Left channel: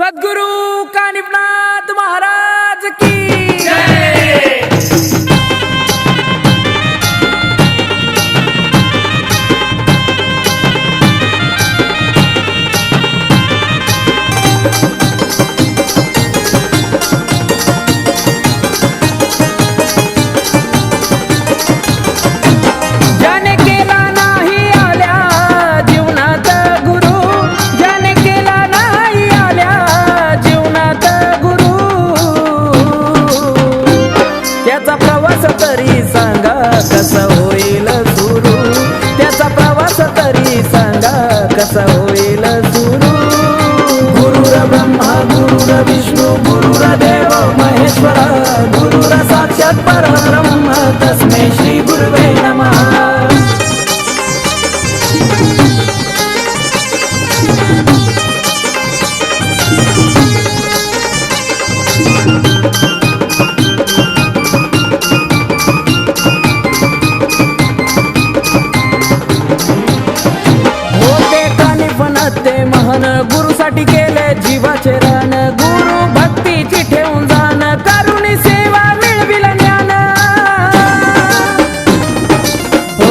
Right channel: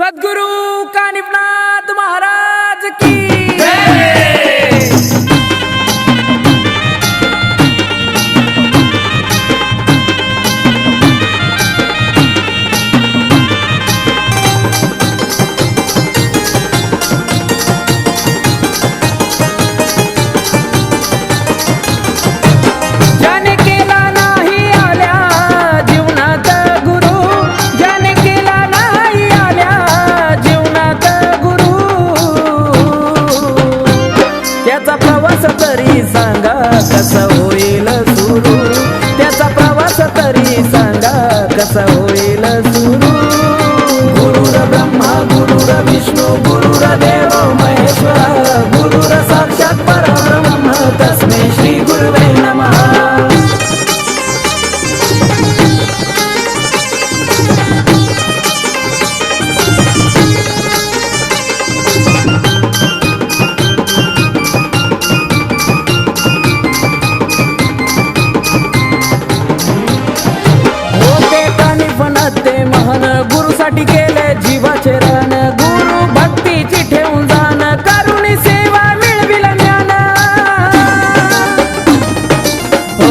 सद्गुरु कानिपनाथ महाराज की सांगा कसा होईल सुरू? त्याचा प्रवास तरी सांगा कसा होईल आचरण गुरु भक्तीची ठेवून जाण करून सेवा मिळविल ज्ञान. हो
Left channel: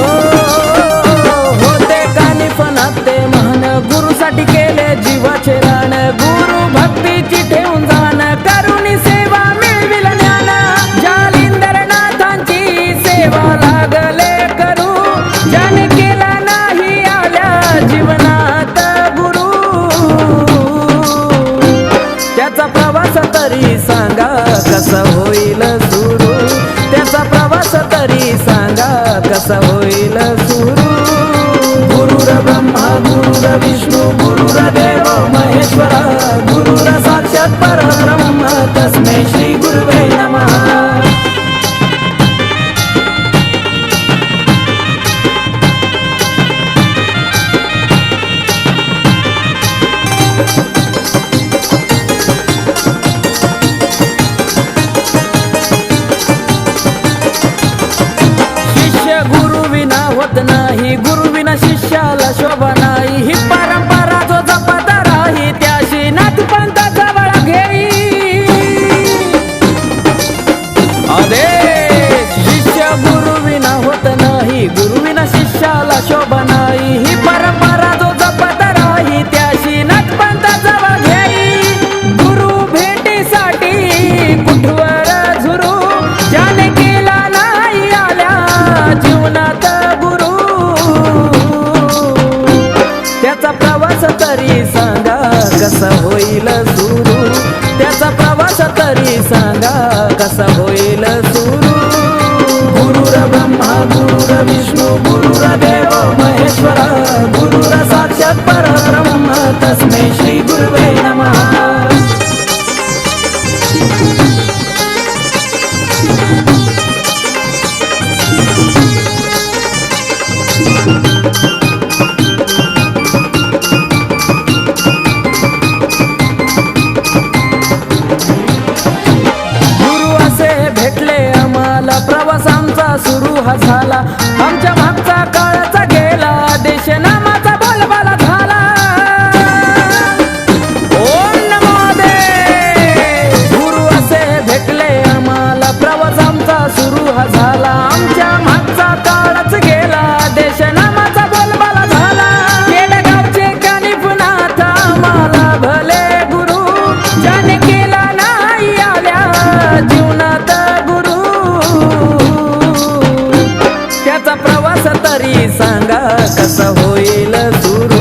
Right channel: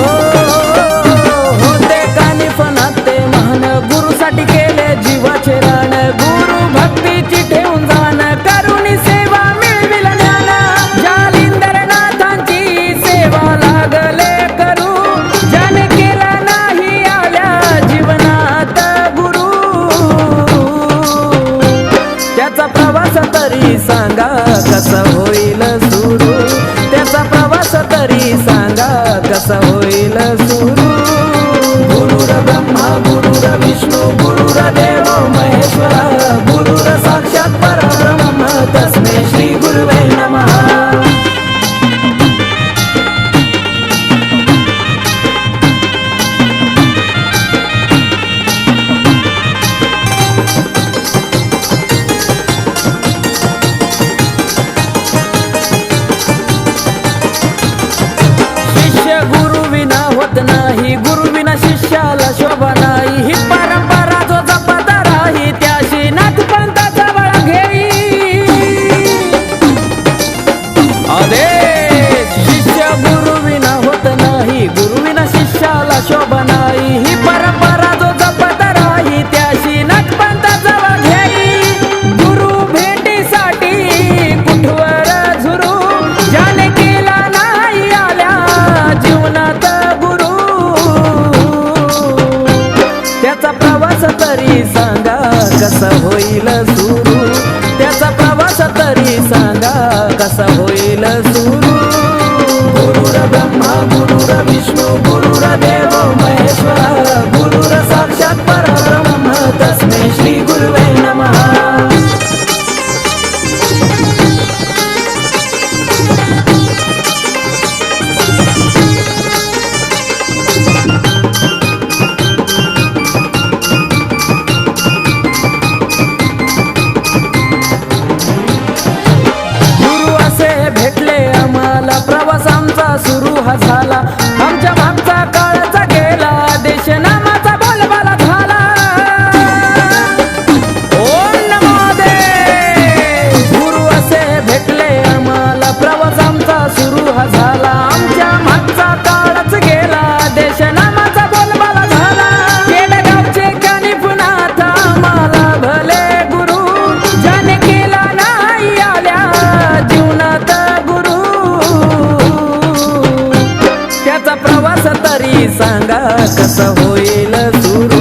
होते कानी पण ते महान गुरुसाठी केले जीवाचे रण गुरु भक्तीची सांगा कसा होईल सुरू त्याचा प्रवास तरी सांगा कसा होईल सुरू गुरुर ब्रह्मा गुरुर विष्णू गुरुर देव शिष्य गुरुविना होत नाही. गुरुविना शिष्याला शोभा नाही. ही परंपरा जो जपत राही त्याशी नाथ पंथाचा बळा घेई. आदेश शिष्य गुरुविना होत नाही. गुरुविना शिष्याला शोभा कसा होईल सुरू? त्याचा प्रवास तरी सांगा कसा होईल सुरू? सुरू हा झाला. आमच्या मागचा काळाचा गेला. देश नामाचा बोलबाला झाला. ओम नमो दे. गुरु असे भेटले आम्हाला. प्रवास आमचा सुरू सांगा कसा होईल सुरू?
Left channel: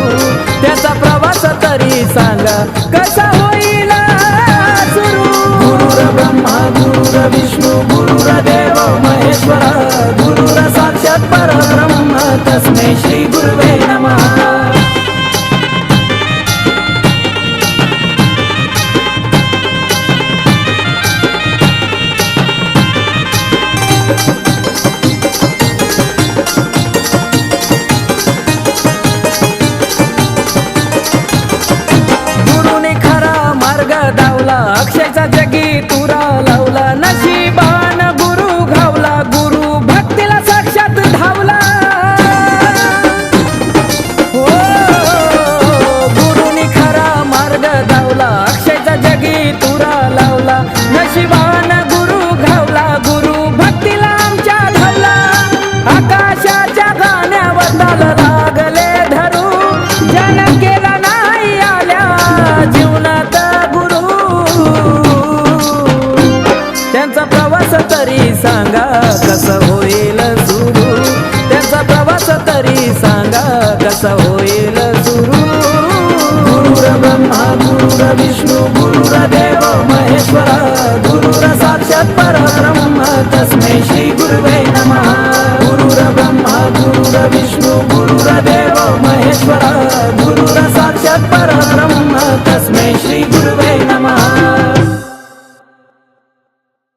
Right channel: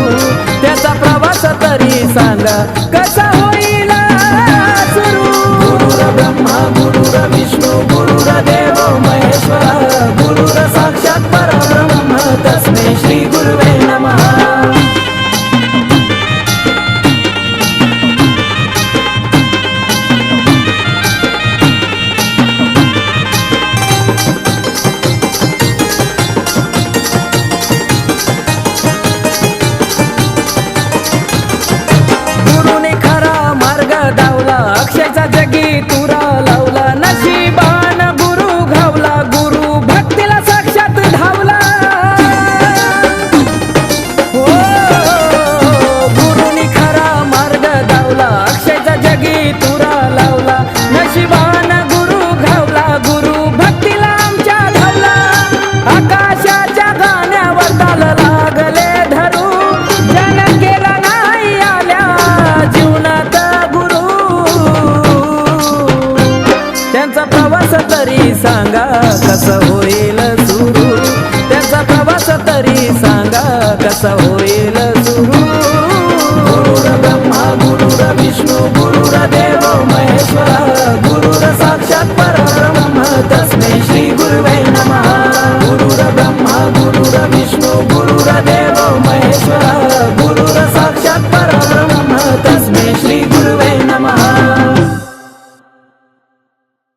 त्याचा प्रवास तरी सांगा कसा होईल सुरू? गुरुर ब्रह्मा गुरुर विष्णू गुरुर देव महेश्वरा गुरुर साक्षात परब्रह्म तस्मे श्री गुरुवे नमः गुरुने मार्ग धावला. अक्षयचा जगी तुरा लावला. नशिबान गुरु घावला. गुरु भक्तीला साक्षात धावला. हो गुरुनी खरा मार्ग धावला. अक्षयचा जगी तुरा लावला. नशिबान सांगा कसं होईल सुरू? त्याचा प्रवास तरी सांगा कसा होईल सुरू?